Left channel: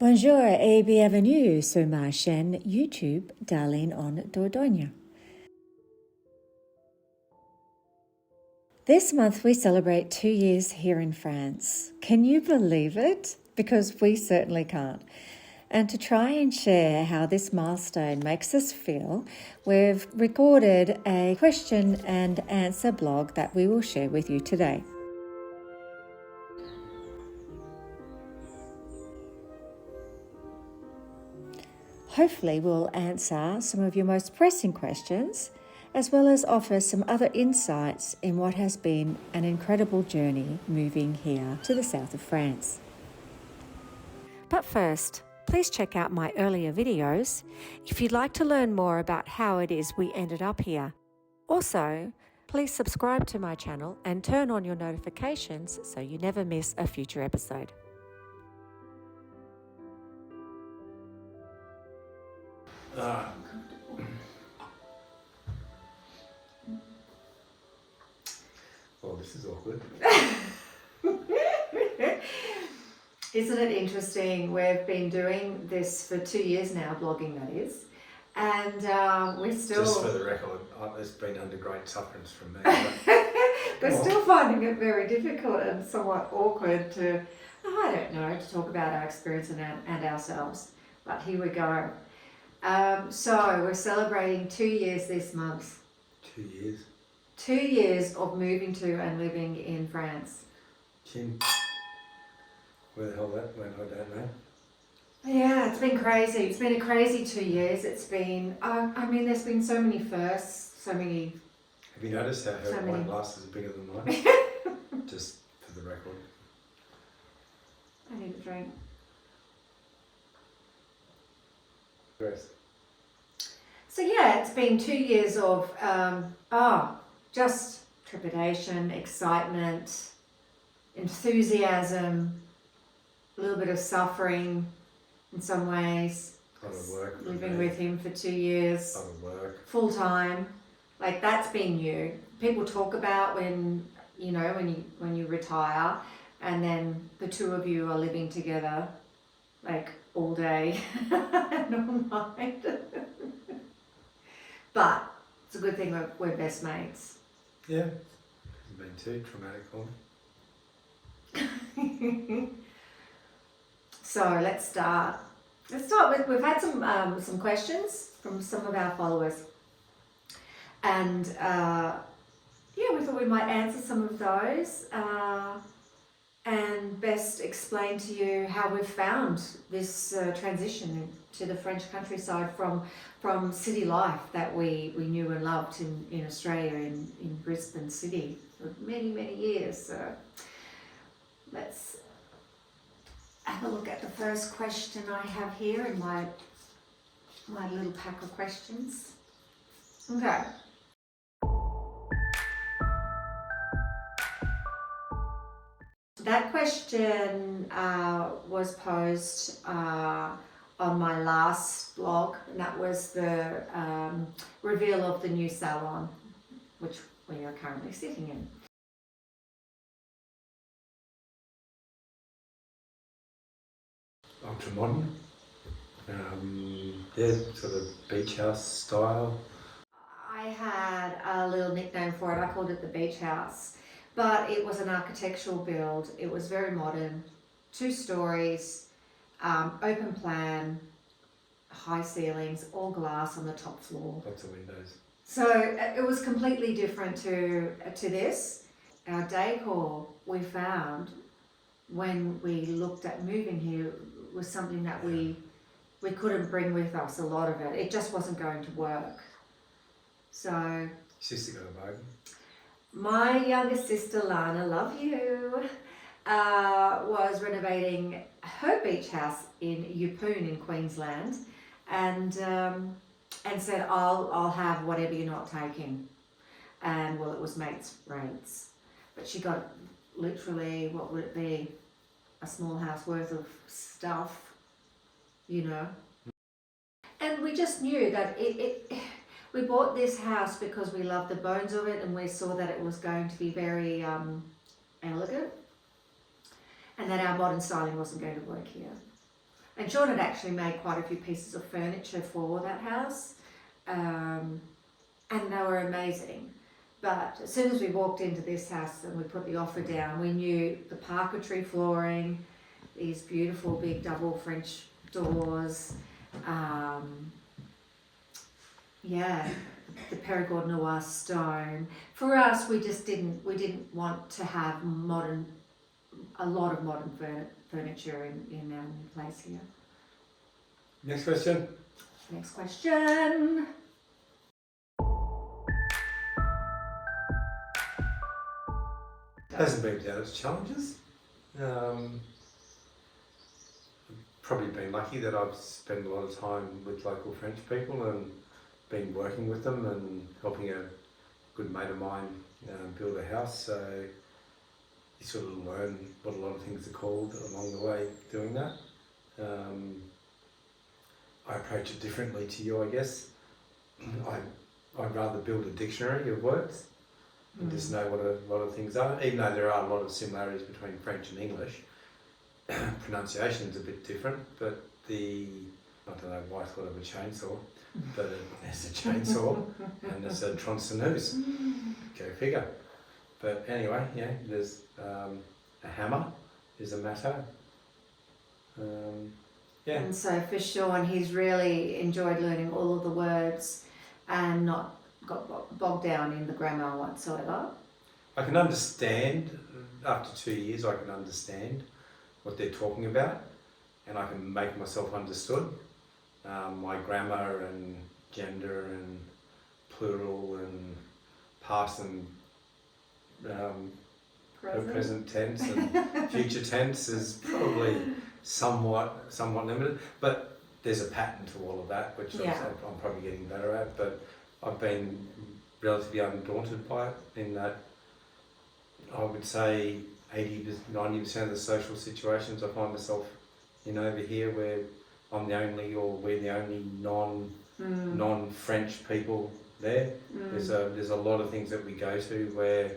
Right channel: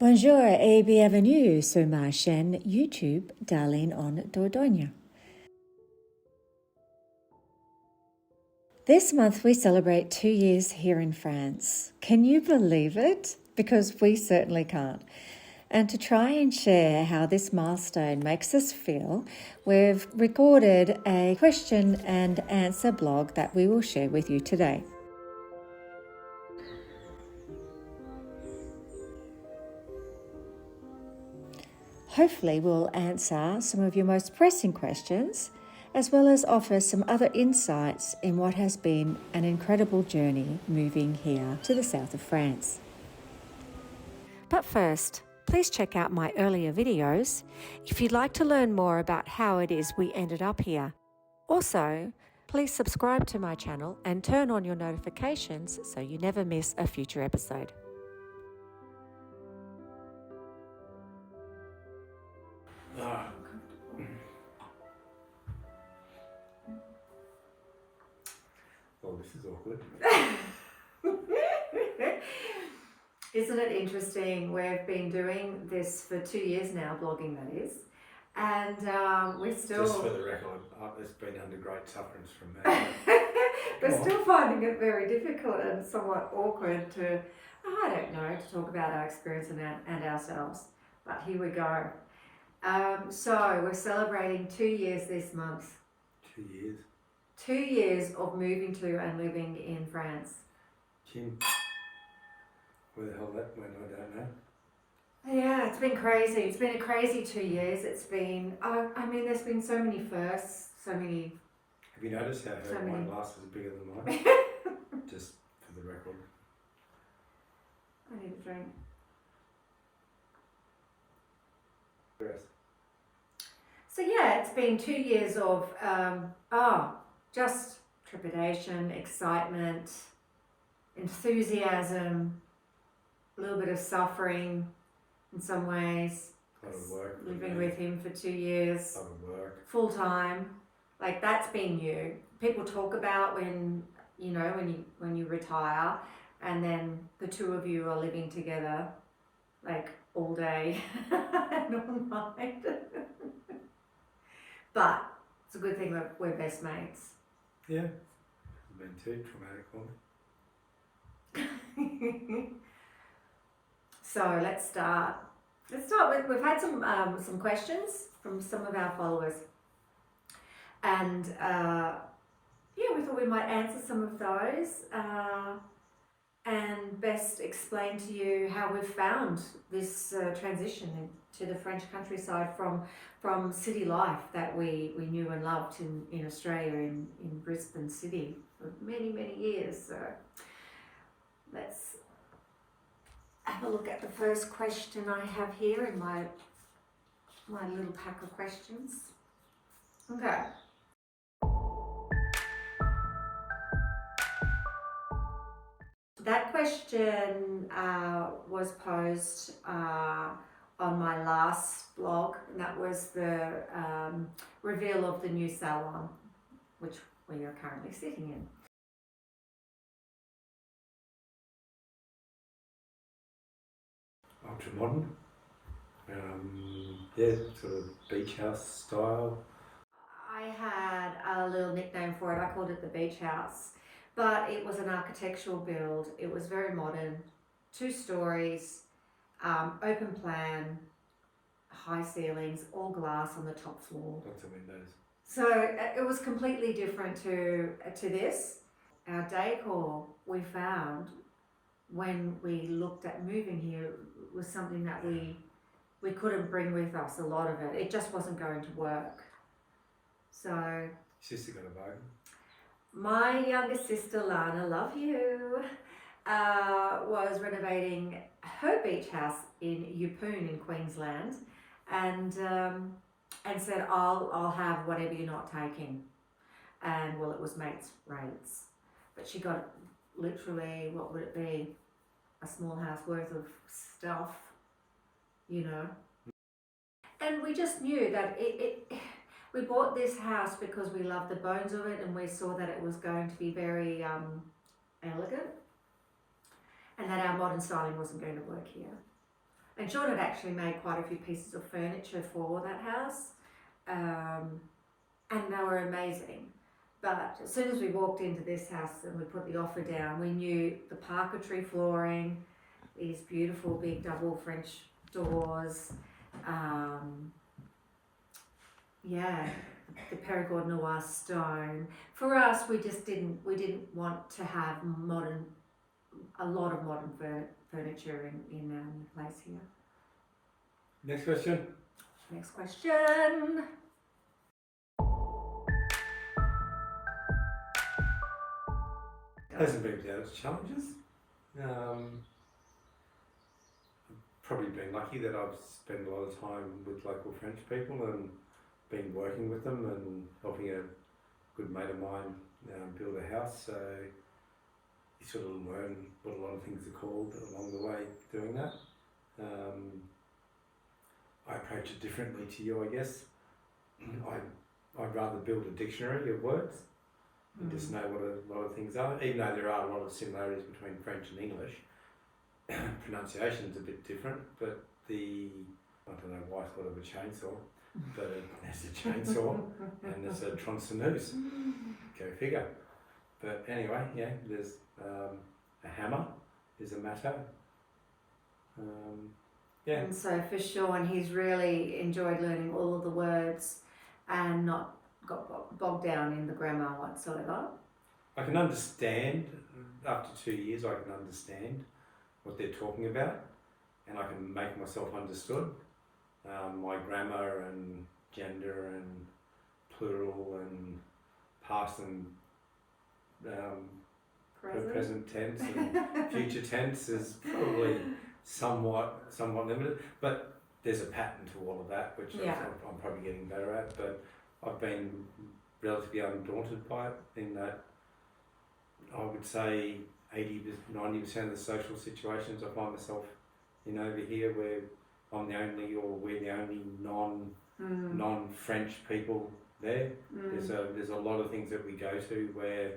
Bonjour et bienvenue sur ma chaîne YouTube Darlene en Dordogne. This month we celebrate 2 years here in France. Can you believe it? Because we certainly can't. And to try and share how this milestone makes us feel, we've recorded a question and answer blog that we will share with you today. Hopefully we'll answer some of your most pressing questions, as well as offer some other insights in what has been an incredible journey moving here to the south of France. But first, please check out my earlier videos if you'd like to learn more about how it is we ended up here. Also, please subscribe to my channel and turn on your notifications so you never miss a future episode. Well, this is awkward. Isn't it interesting? We've been doing this for 2 years now, blogging that is, and we're still... Just for the record, it's been under great sufferance from me. We're still finding it very difficult and somewhat awkward to, I don't know, to talk about our experience and ourselves. But here we go. So we're celebrating 2 years this month. 2 years. 2 years of moving to and living in France. Chin. Where the hell that went, I don't know. Yeah, it's been crazy. It's been a crazy 2 years. It's been, I mean, there's been so many firsts, so many... Have you noticed how her wine glass is bigger than mine? Just for the record. I need a drink. Yes. So yeah, it's been 2 years of just trepidation, excitement, enthusiasm, a little bit of suffering in some ways. A lot of work. Living with him for 2 years. A lot of work. Full time. Like that's been new. People talk about when you retire and then the two of you are living together like all day and all night. But it's a good thing we're best mates. Yeah. It's been too traumatic for me. So let's start. We've had some questions from some of our followers. And we thought we might answer some of those and best explain to you how we've found this transition to the French countryside from city life that we knew and loved in Australia, in Brisbane City for many, many years. So let's have a look at the first question I have here in my little pack of questions. Okay. That question was posed on my last blog, and that was the reveal of the new salon, which we are currently sitting in. Ultra modern. Sort of beach house style. I had a little nickname for it. I called it the beach house. But it was an architectural build. It was very modern, 2 stories, open plan, high ceilings, all glass on the top floor. Lots of windows. So it was completely different to this. Our decor we found when we looked at moving here was something that we couldn't bring with us, a lot of it. It just wasn't going to work. So... Sister got a bug. My younger sister, Lana, love you, was renovating her beach house in Yeppoon in Queensland and said, I'll have whatever you're not taking. And well, it was mates rates. But she got literally, what would it be, a small house worth of stuff, And we just knew that we bought this house because we loved the bones of it and we saw that it was going to be very elegant and that our modern styling wasn't going to work here. And Sean had actually made quite a few pieces of furniture for that house, and they were amazing. But as soon as we walked into this house and we put the offer down, we knew the parquetry flooring, these beautiful big double French doors, the Perigord Noir stone. For us, we didn't want to have a lot of modern furniture in our new place here. Next question. Next question. Hasn't been without its challenges. Probably been lucky that I've spent a lot of time with local French people and been working with them and helping a good mate of mine build a house. So you sort of learn what a lot of things are called along the way doing that. I approach it differently to you, I guess. I'd rather build a dictionary of words and just know what a lot of things are, even though there are a lot of similarities between French and English. Pronunciation's a bit different, but I don't know why I thought of a chainsaw, but there's a chainsaw and there's a tronçonneuse. Go figure. But anyway, yeah, there's a hammer is a matter. And so for Sean, he's really enjoyed learning all of the words and not got bogged down in the grammar whatsoever. I can understand, after 2 years, I can understand what they're talking about and I can make myself understood. My grammar and gender and plural and past and present tense and future tense is probably somewhat limited, but there's a pattern to all of that, which I'm probably getting better at, but I've been relatively undaunted by it in that I would say 80-90% of the social situations I find myself in over here where I'm the only or we're the only non-French people there. There's a lot of things that we go to where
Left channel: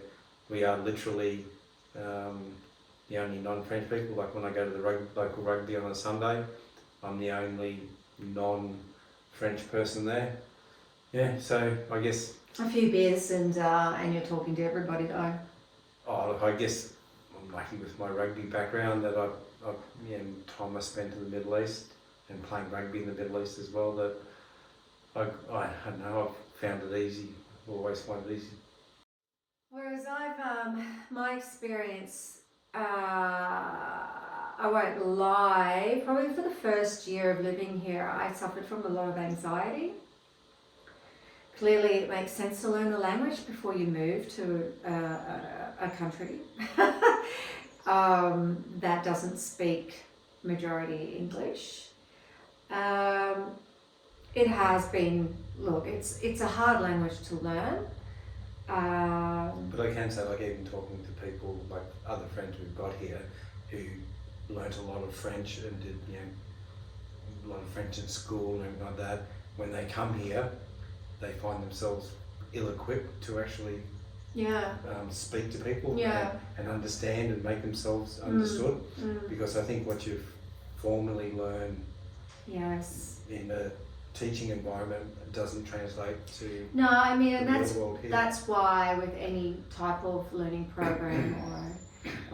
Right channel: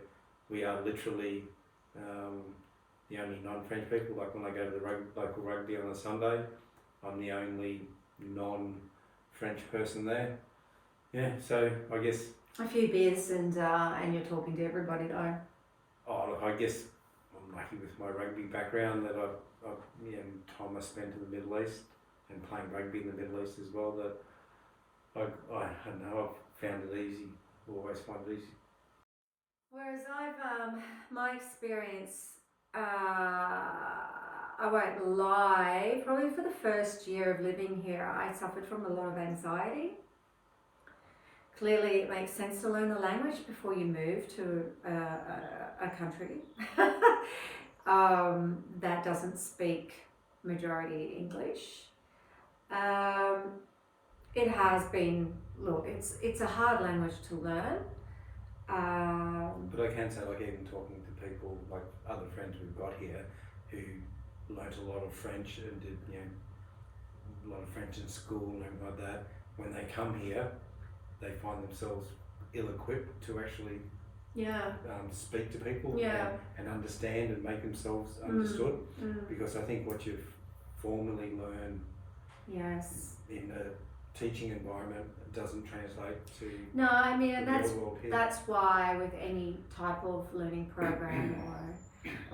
we are literally the only non-French people. Like when I go to the local rugby on a Sunday, I'm the only non-French person there. Yeah, so I guess a few beers and you're talking to everybody though. Oh, look, I guess I'm lucky with my rugby background that I've time I spent in the Middle East and playing rugby in the Middle East as well, that I don't know, I've found it easy, always find it easy. Whereas my experience, I won't lie, probably for the first year of living here, I suffered from a lot of anxiety. Clearly, it makes sense to learn the language before you move to a country that doesn't speak majority English. It has been, look, it's a hard language to learn. But I can say, like, even talking to people, like other friends we've got here, who learnt a lot of French and did, a lot of French in school and everything like that, when they come here, they find themselves ill-equipped to actually speak to people and understand and make themselves understood. Because I think what you've formally learned in a teaching environment doesn't translate to the world here. That's why with any type of learning program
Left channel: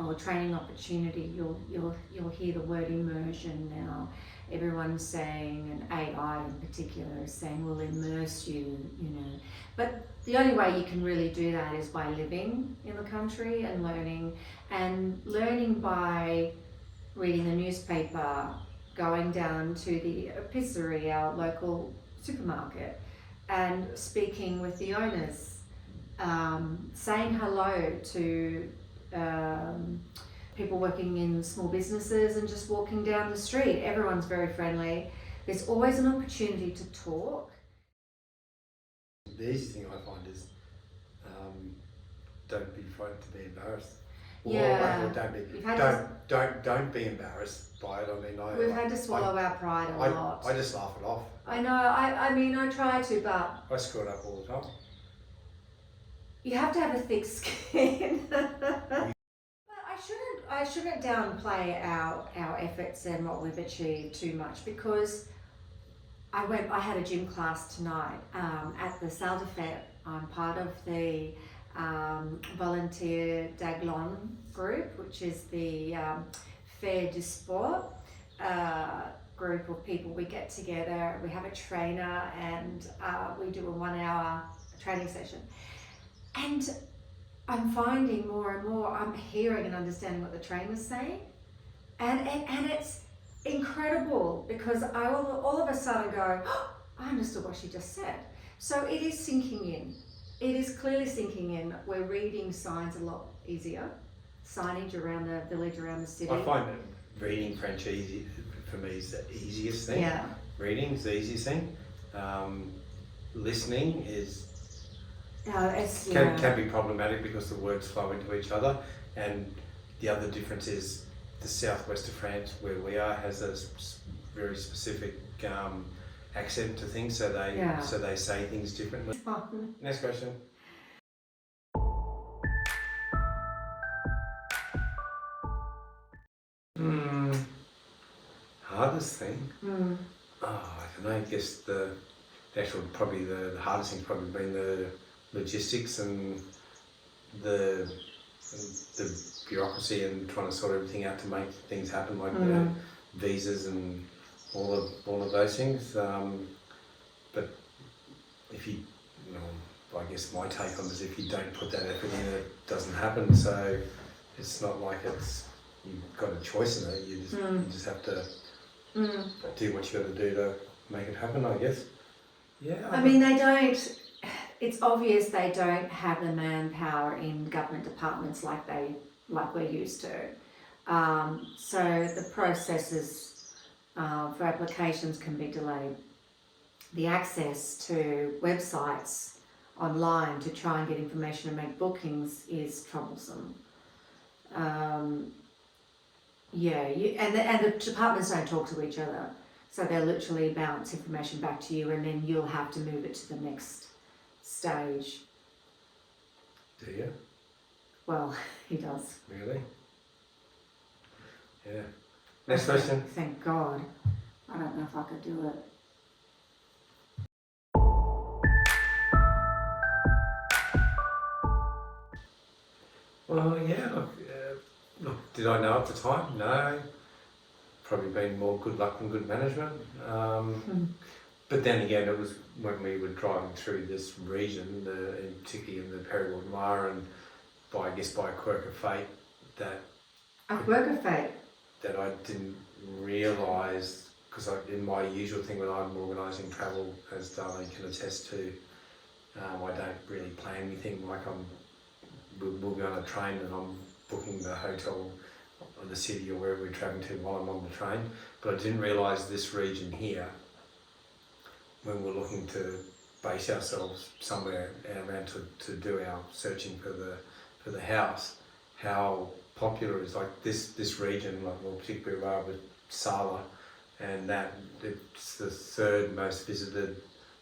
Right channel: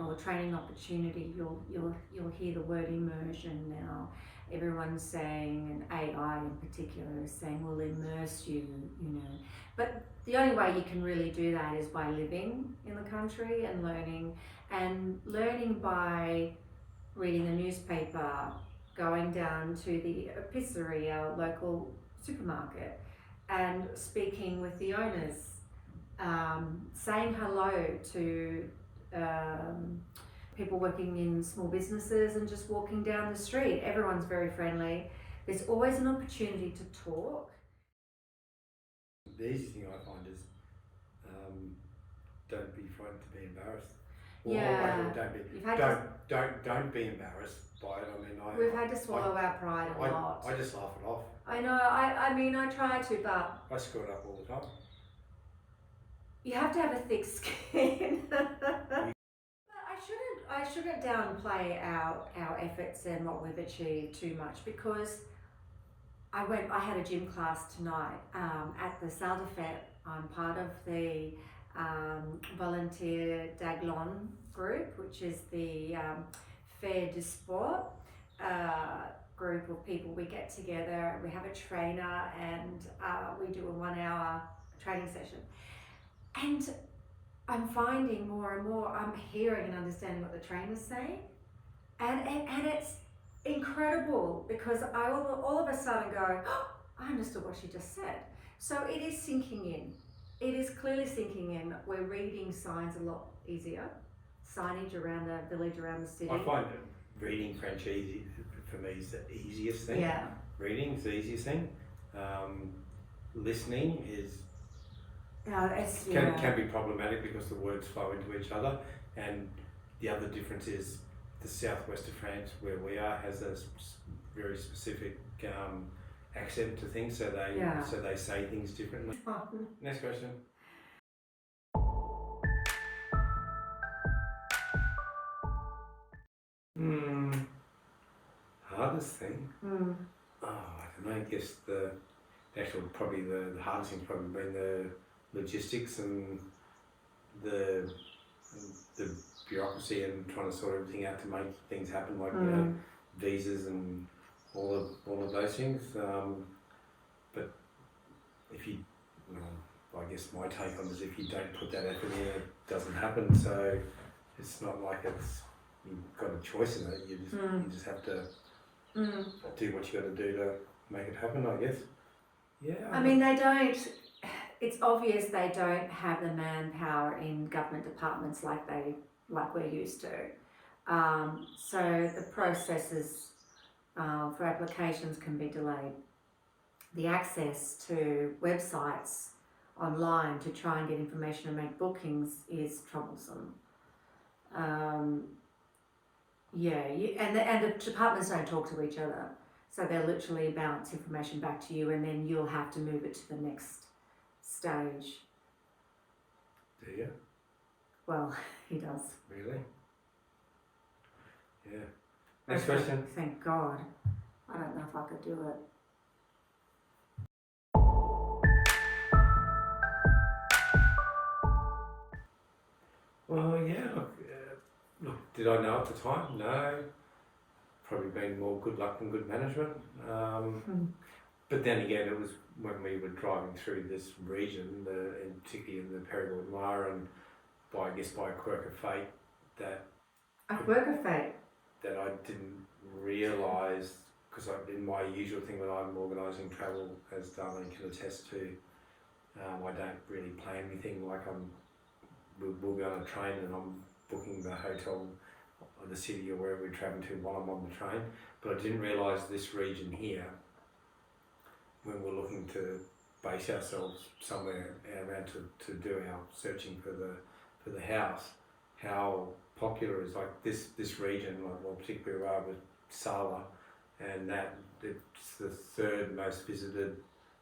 or training opportunity, you'll hear the word immersion now. Everyone's saying, and AI in particular is saying, we'll immerse you, But the only way you can really do that is by living in the country and learning by reading the newspaper, going down to the epicerie, our local supermarket, and speaking with the owners, saying hello to people working in small businesses and just walking down the street. Everyone's very friendly. There's always an opportunity to talk. The easy thing I find is don't be frightened to be embarrassed. Don't be embarrassed by it. We've had to swallow our pride a lot. I just laugh it off. I know. I try to, but I screw it up all the time. You have to have a thick skin. I shouldn't downplay our efforts and what we've achieved too much, because I had a gym class tonight at the Salle de Fête. I'm part of the volunteer Daglan group, which is the Faire du Sport group of people. We get together, we have a trainer, and we do a 1 hour training session. And I'm finding more and more, I'm hearing and understanding what the trainer's saying. And it's incredible, because I all of a sudden go, oh, I understood what she just said. So it is sinking in. It is clearly sinking in. We're reading signs a lot easier. Signage around the village, around the city. I find that reading French easy for me is the easiest thing. Yeah. Reading is the easiest thing. Listening is can be problematic because the words flow into each other, and the other difference is the southwest of France, where we are, has a very specific accent to things, so they say things differently. Next question. Hardest thing? Oh, I don't know. I guess the hardest thing's probably been the logistics and the bureaucracy and trying to sort everything out to make things happen, like you know, visas and all of those things. But if you, I guess my take on it is, if you don't put that effort in, it doesn't happen. So it's not like you've got a choice in it. You just have to do what you got to do to make it happen, I guess. Yeah. I mean, they don't. It's obvious they don't have the manpower in government departments like we're used to. So the processes for applications can be delayed. The access to websites online to try and get information and make bookings is troublesome. And the departments don't talk to each other, so they'll literally bounce information back to you, and then you'll have to move it to the next stage. Do you? Well, he does. Really? Yeah. Next question. Thank God. I don't know if I could do it. Well, yeah. Look, did I know at the time? No. Probably been more good luck than good management. But then again, it was when we were driving through this region, and particularly in the Périgord Noir, and by a quirk of fate, that A quirk of fate. that I didn't realise, because in my usual thing when I'm organising travel, as Darlene can attest to, I don't really plan anything. Like we'll be on a train and I'm booking the hotel or the city or wherever we're travelling to while I'm on the train. But I didn't realise this region here, when we're looking to base ourselves somewhere around to do our searching for the house, how popular it is. Like this region, particularly where I was, Sala, and that it's the third most visited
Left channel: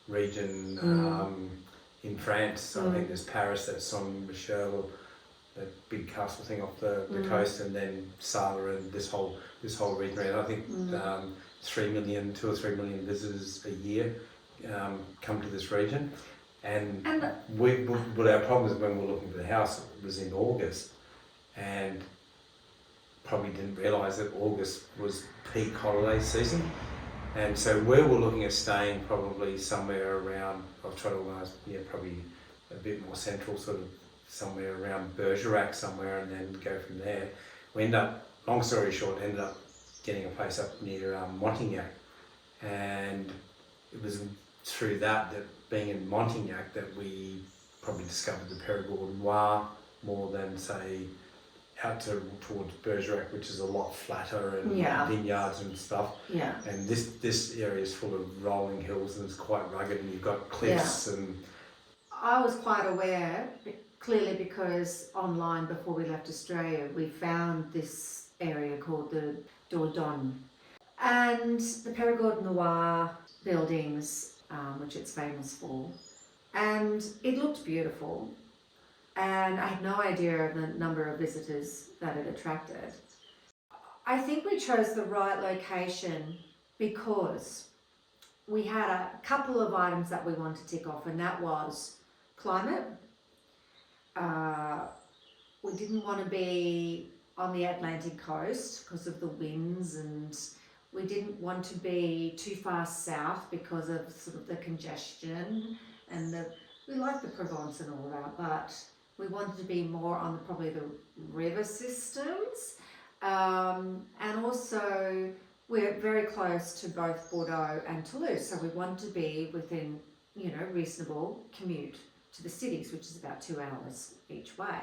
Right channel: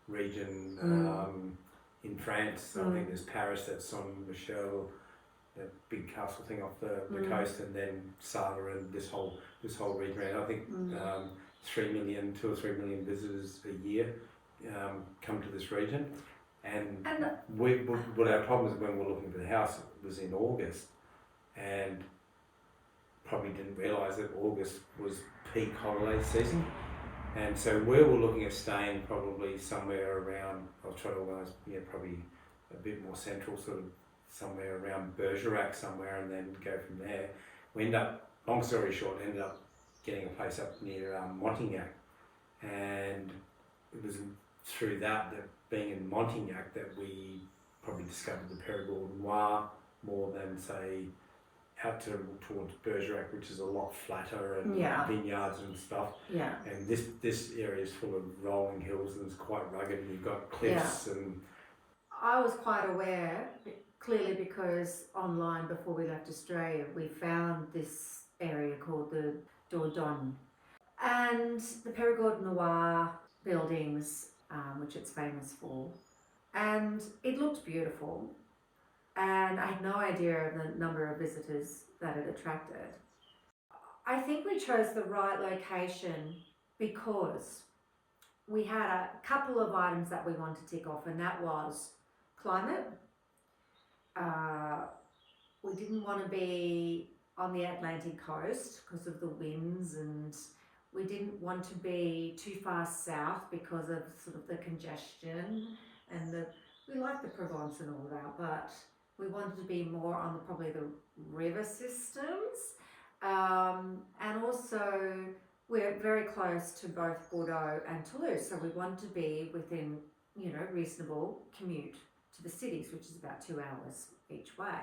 region in France. I think there's Paris, that's Saint Michel, that big castle thing off the coast, and then Sala and this whole region around. I think 2 or 3 million visitors a year come to this region, and but our problem is when we're looking for the house, it was in August, and probably didn't realise that August was peak holiday season, and so where we're looking at staying, probably somewhere around, I've tried to organise, probably a bit more central, sort of somewhere around Bergerac somewhere, and then go from there. We ended up, long story short, getting a place up near Montignac, and it was through that being in Montignac that we probably discovered the Périgord Noir more than, say, out towards Bergerac, which is a lot flatter and vineyards and stuff. Yeah. And this area is full of rolling hills and it's quite rugged, and you've got cliffs and. I was quite aware, clearly, because online before we left Australia, we found this area called the Dordogne, and the Périgord Noir buildings, which it's famous for, and it looked beautiful. And I had no idea of the number of visitors that it attracted. I think we chose the right location because we had a couple of items that we wanted to tick off, and that was climate. We didn't want to be on the Atlantic coast because of the winds, and we didn't want to be too far south because of sort of the congestion, and we like the Provence and all that, but we wanted to be more on probably the river systems, and also we're very close to both Bordeaux and Toulouse, so we want to be within, reasonable commute to the cities, which is about 2 hours each way.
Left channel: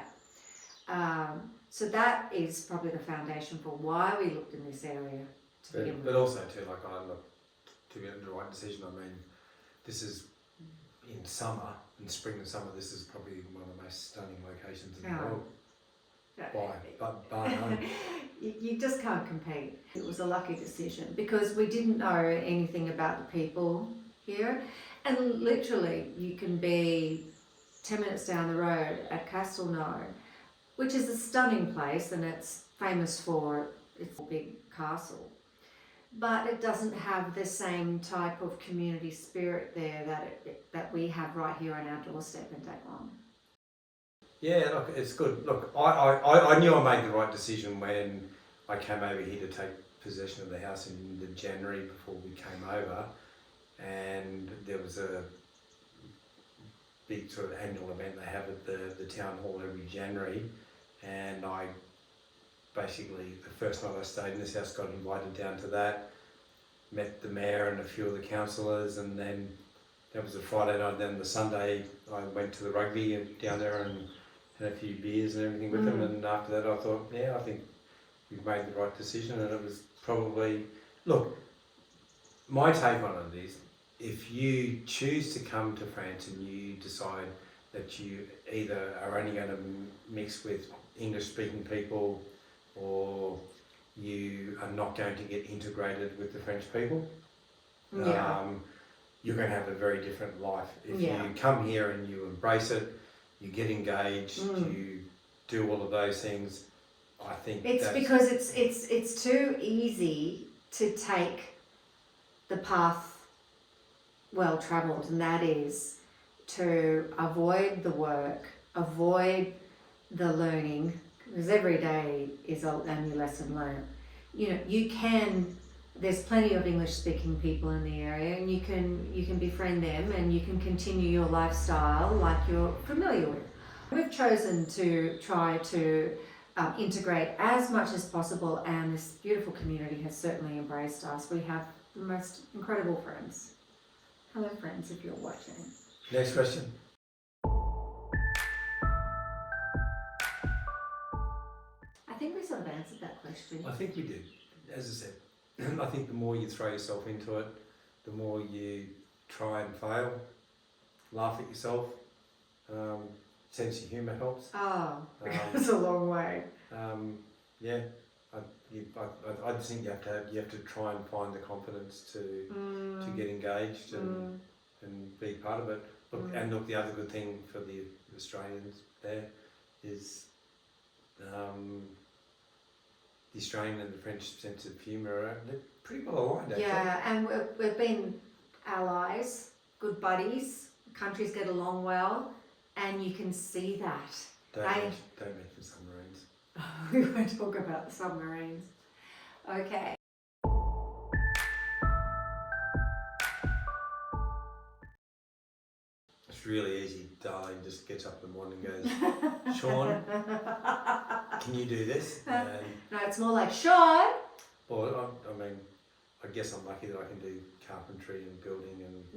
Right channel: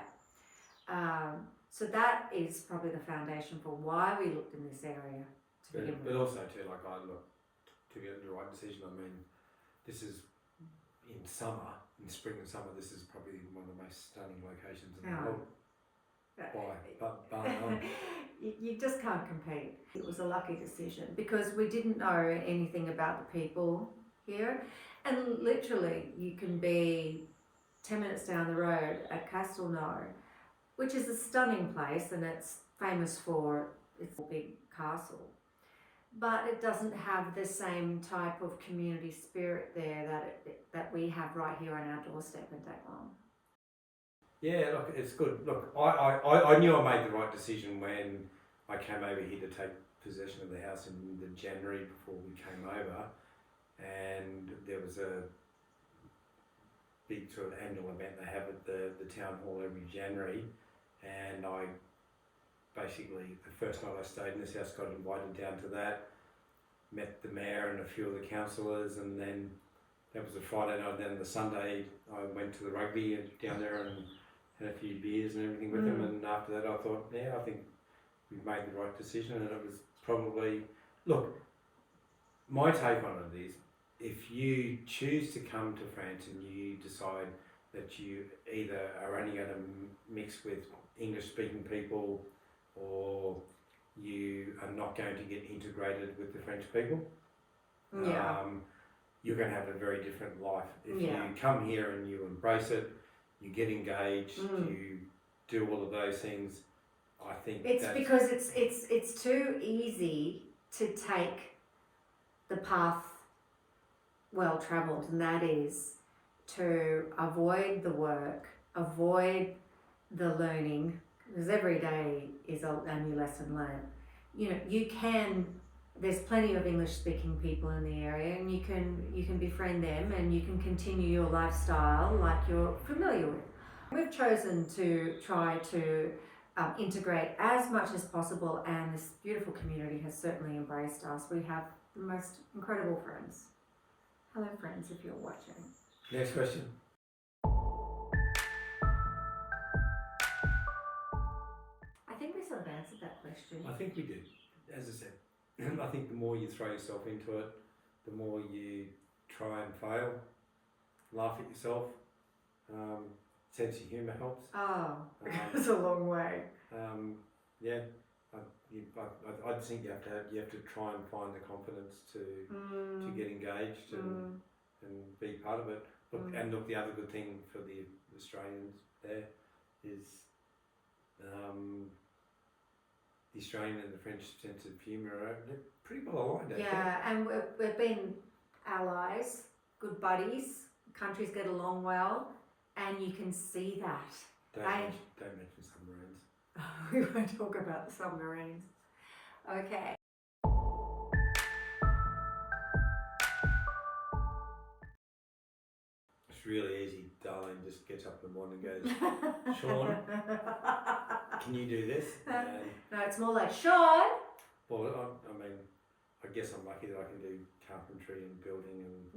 So that is probably the foundation for why we looked in this area to begin with. But also too, like I look to get the right decision. I mean, this is in summer, in spring and summer. This is probably one of the most stunning locations in the world. But you just can't compete. It was a lucky decision because we didn't know anything about the people here, and literally you can be 10 minutes down the road at Castelnau, which is a stunning place, and it's famous for its big castle. But it doesn't have the same type of community spirit there that we have right here on our doorstep in Daglan. Yeah, look, it's good. Look, I knew I made the right decision when I came over here to take possession of the house in the January before we came over, and there was a big sort of annual event they have at the town hall every January, and I basically, the first night I stayed in this house, got invited down to that, met the mayor and a few of the councillors, and then that was the Friday night. Then the Sunday I went to the rugby down there and had a few beers and everything with them, and after that I thought, yeah, I think we've made the right decision, and it was probably, look, my take on it is, if you choose to come to France and you decide that you either are only going to mix with English-speaking people, or you are not going to get integrated with the French people, you're going to have a very different life. If you come here and you embrace it, you get engaged, you do all of those things, I think it's because it's too easy to take the path well travelled, and that is to avoid the work, avoid the learning, because every day is a new lesson learned. There's plenty of English speaking people in the area, and you can befriend them, and you can continue your lifestyle like you're familiar with. We've chosen to try to integrate as much as possible, and this beautiful community has certainly embraced us. We have the most incredible friends. Hello friends, if you're watching. Next question. I think we sort of answered that question. I think we did. As I said, I think the more you throw yourself into it, the more you try and fail, laugh at yourself. Sense of humour helps. Oh, it's a long way. Yeah, I think you have to try and find the confidence to get engaged and be part of it. Look, and look, the other good thing for the Australians there is the Australian and the French sense of humour, they're pretty well aligned, actually. Yeah, and we've been allies, good buddies, countries get along well, and you can see that. Don't mention submarines. We won't talk about the submarines. Okay. It's really easy. Darling just gets up in the morning and goes, Sean, can you do this? No, it's more like, Sean! Well, I mean, I guess I'm lucky that I can do carpentry and building and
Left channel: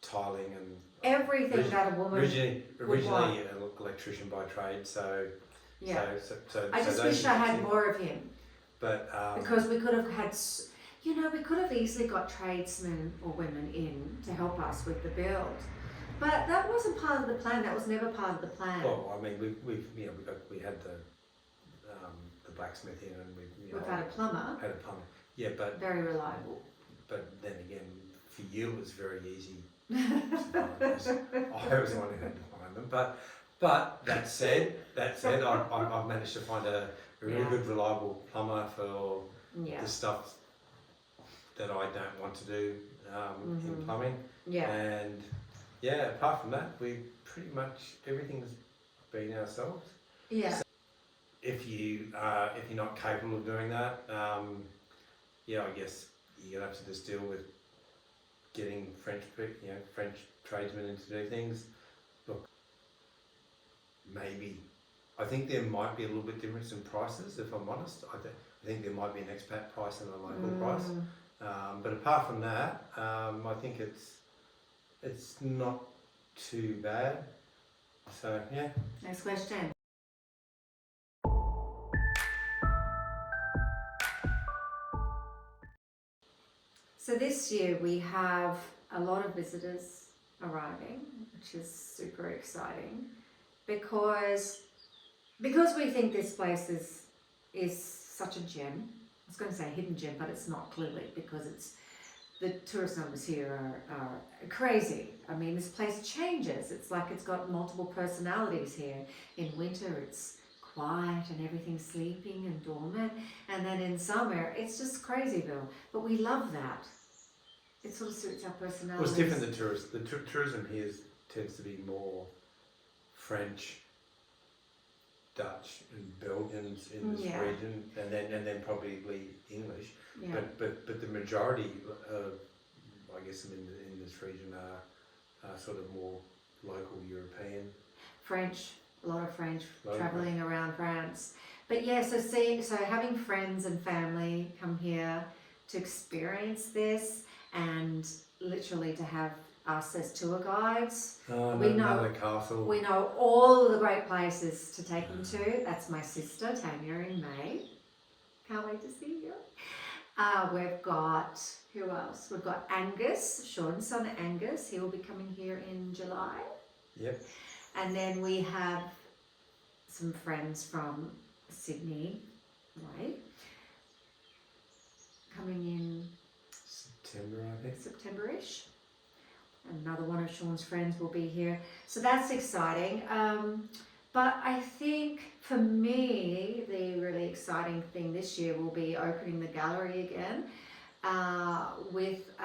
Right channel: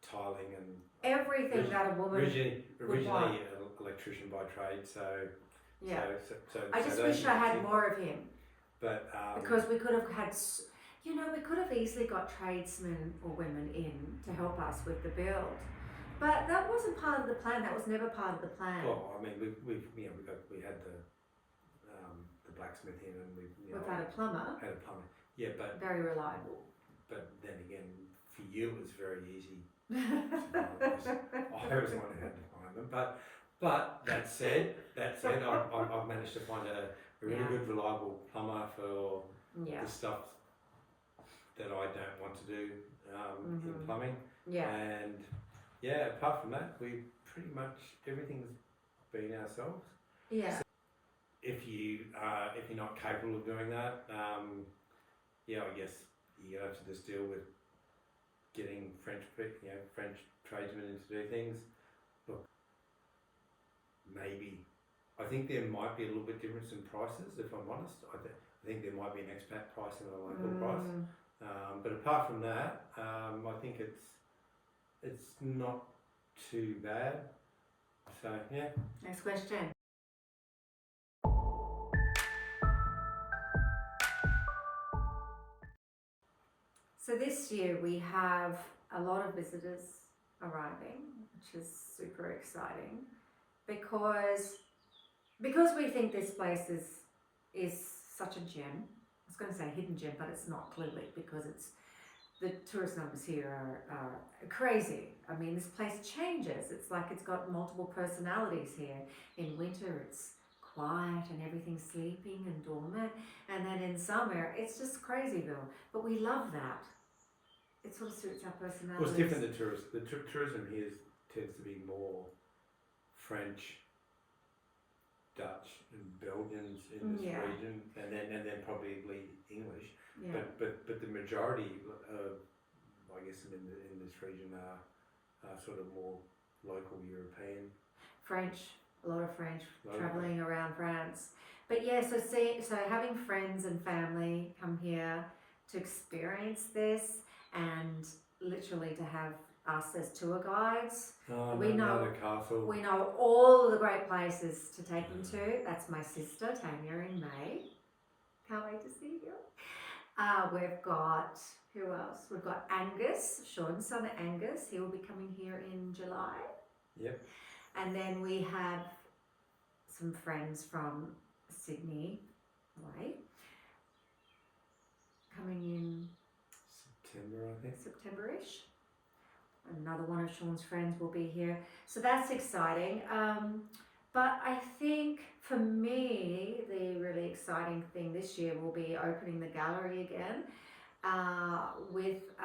tiling and everything that a woman originally want. an electrician by trade, so I just wish I had more of him. But because we could have had, we could have easily got tradesmen or women in to help us with the build, but that wasn't part of the plan. That was never part of the plan. Well, I mean, we had the blacksmith in, and we've had a plumber. Yeah, but very reliable. But then again, for you it was very easy. I was the one who had to find them. But that said, I've managed to find a a really good, reliable plumber for Yeah. the stuff that I don't want to do in plumbing. Yeah. And yeah, apart from that, we pretty much everything's been ourselves. Yeah. So if you're not capable of doing that, I guess you're gonna have to just deal with getting French tradesmen in to do things. Look, maybe I think there might be a little bit difference in prices. If I'm honest, I think there might be an expat price and a local price. But apart from that, I think it's not too bad. So yeah. Next question. So this year we have a lot of visitors arriving, which is super exciting, because we think this place is such a gem. I was going to say hidden gem, but it's not, clearly, because the tourist numbers here are crazy. I mean, this place changes. It's like it's got multiple personalities here. In winter, it's quiet and everything's sleeping and dormant, and then in summer, it's just crazyville. But we love that. It sort of suits our personalities. Well, it's different than tourists. The tourism here tends to be more French, Dutch, and Belgians in this region, and then probably English. Yeah. But the majority of, I guess, in this region are sort of more local European. French, a lot of French, travelling around France. But yeah, so having friends and family come here to experience this, and literally to have us as tour guides. We know the castle. We know all the great places to take them to. That's my sister Tanya in May. Can't wait to see you. We've got, who else? We've got Angus, Sean's son Angus. He will be coming here in July. Yep. And then we have some friends from Sydney way coming in September, I think. September-ish. Another one of Sean's friends will be here. So that's exciting. But I think for me, the really exciting thing this year will be opening the gallery again with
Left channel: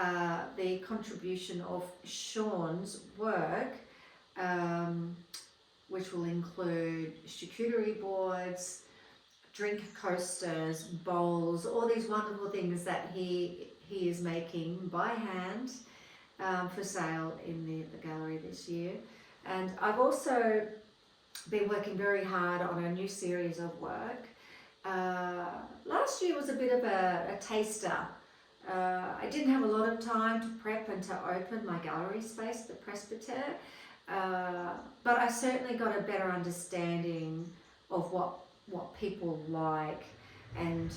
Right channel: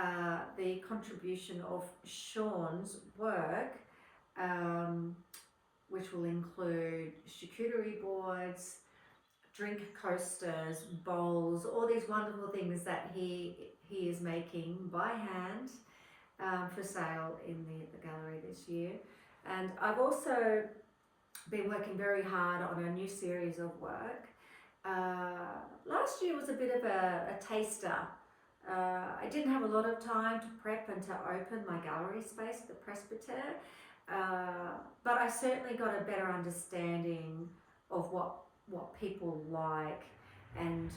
the contribution of Sean's work, which will include charcuterie boards, drink coasters, bowls, all these wonderful things that he is making by hand for sale in the gallery this year. And I've also been working very hard on a new series of work. Last year was a bit of a taster. I didn't have a lot of time to prep and to open my gallery space, the presbytere, but I certainly got a better understanding of what people like. And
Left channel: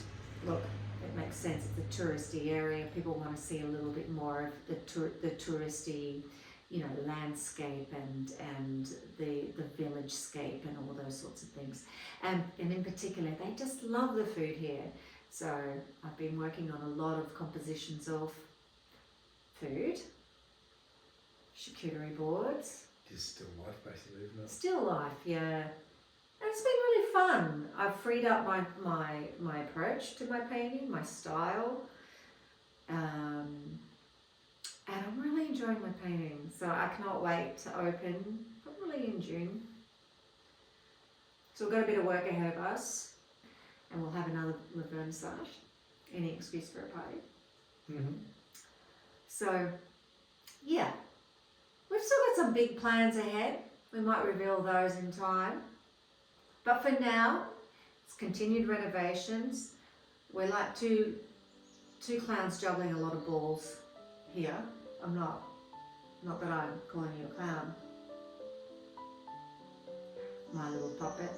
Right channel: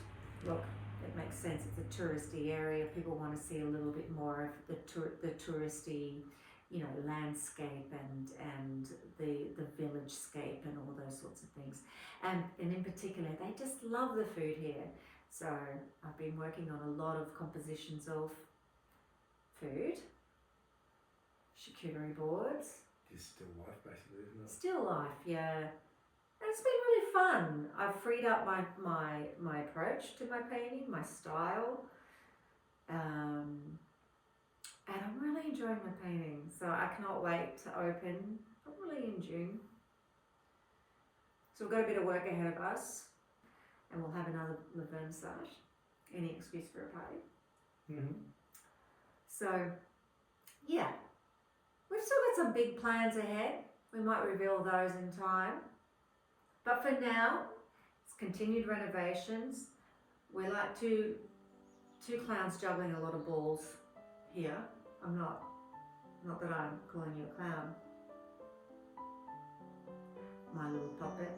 look, it makes sense, it's a touristy area. People want to see a little bit more of the touristy, landscape and the village scape and all those sorts of things. And in particular, they just love the food here. So I've been working on a lot of compositions of food, charcuterie boards. Just still life, basically, isn't it? Still life, yeah. And it's been really fun. I've freed up my approach to my painting, my style. And I'm really enjoying my painting. So I cannot wait to open, probably in June. So we've got a bit of work ahead of us. And we'll have another vernissage. Any excuse for a party. Mm-hmm. So, yeah. We've still got some big plans ahead. We might reveal those in time. But for now, it's continued renovations. We're like two clowns juggling a lot of balls here. I'm not that I'm calling you a clown. My little puppet.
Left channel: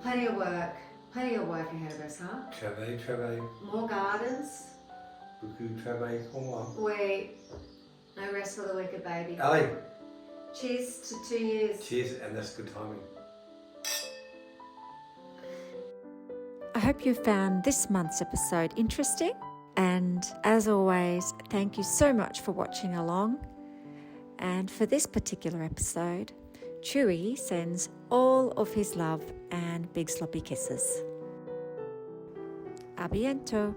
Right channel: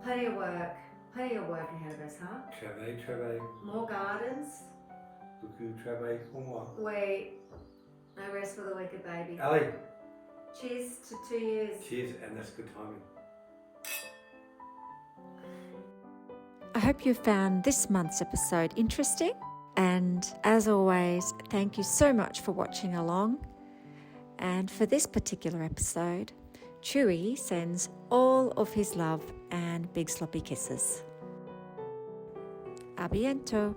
Plenty of work ahead of us, huh? Travail. More gardens. Beaucoup travail pour moi. Wait, no rest for the wicked baby. Allez. Cheers to 2 years. Cheers, and that's good timing. I hope you found this month's episode interesting. And as always, thank you so much for watching along. And for this particular episode, Chewy sends all of his love and big sloppy kisses. A bientôt!